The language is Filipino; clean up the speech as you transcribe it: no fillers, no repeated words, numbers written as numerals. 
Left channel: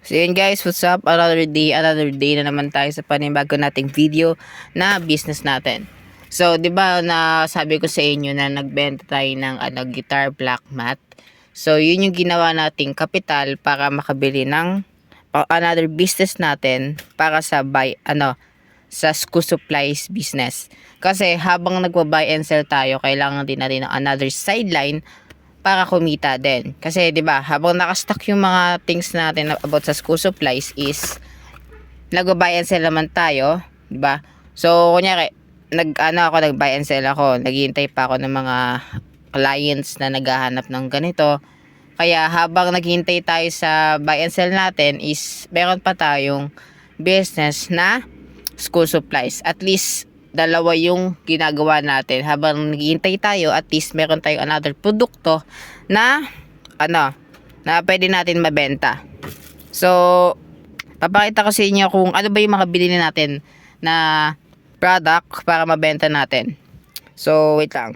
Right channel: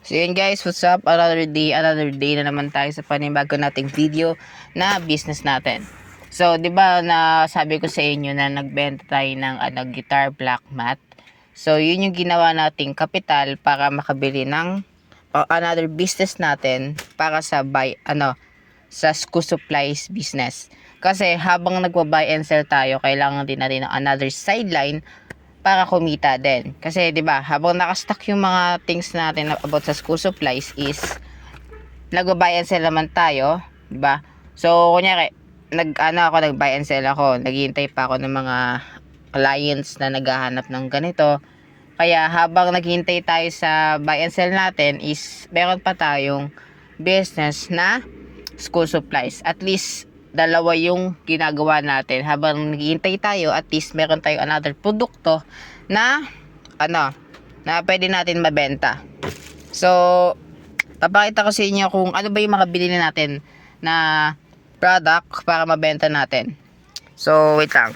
So yun guys, what's up? Another day na naman tayo sa panibago nating video na business natin. So, 'di ba na sabi ko sa inyo na nagbenta tayo ng guitar black mat. So, yun yung ginawa nating kapital para makabili ng another business natin para sa sa school supplies business. Kasi habang nagba-buy and sell tayo, kailangan din natin ng another sideline para kumita din. Kasi 'di ba, habang naka-stock yung mga things natin about sa school supplies is nag-buy and sell naman tayo, 'di ba? So, kunyari, nag-buy and sell ako. Naghihintay pa ako ng mga clients na naghahanap ng ganito. Kaya habang naghihintay tayo sa buy and sell natin is meron pa tayong business na school supplies. At least dalawa yung ginagawa natin. Habang naghihintay tayo, at least meron tayong another produkto na na pwede natin mabenta. So, papakita ko sa inyo kung ano ba yung mga binili natin na product para mabenta natin. So, wait lang.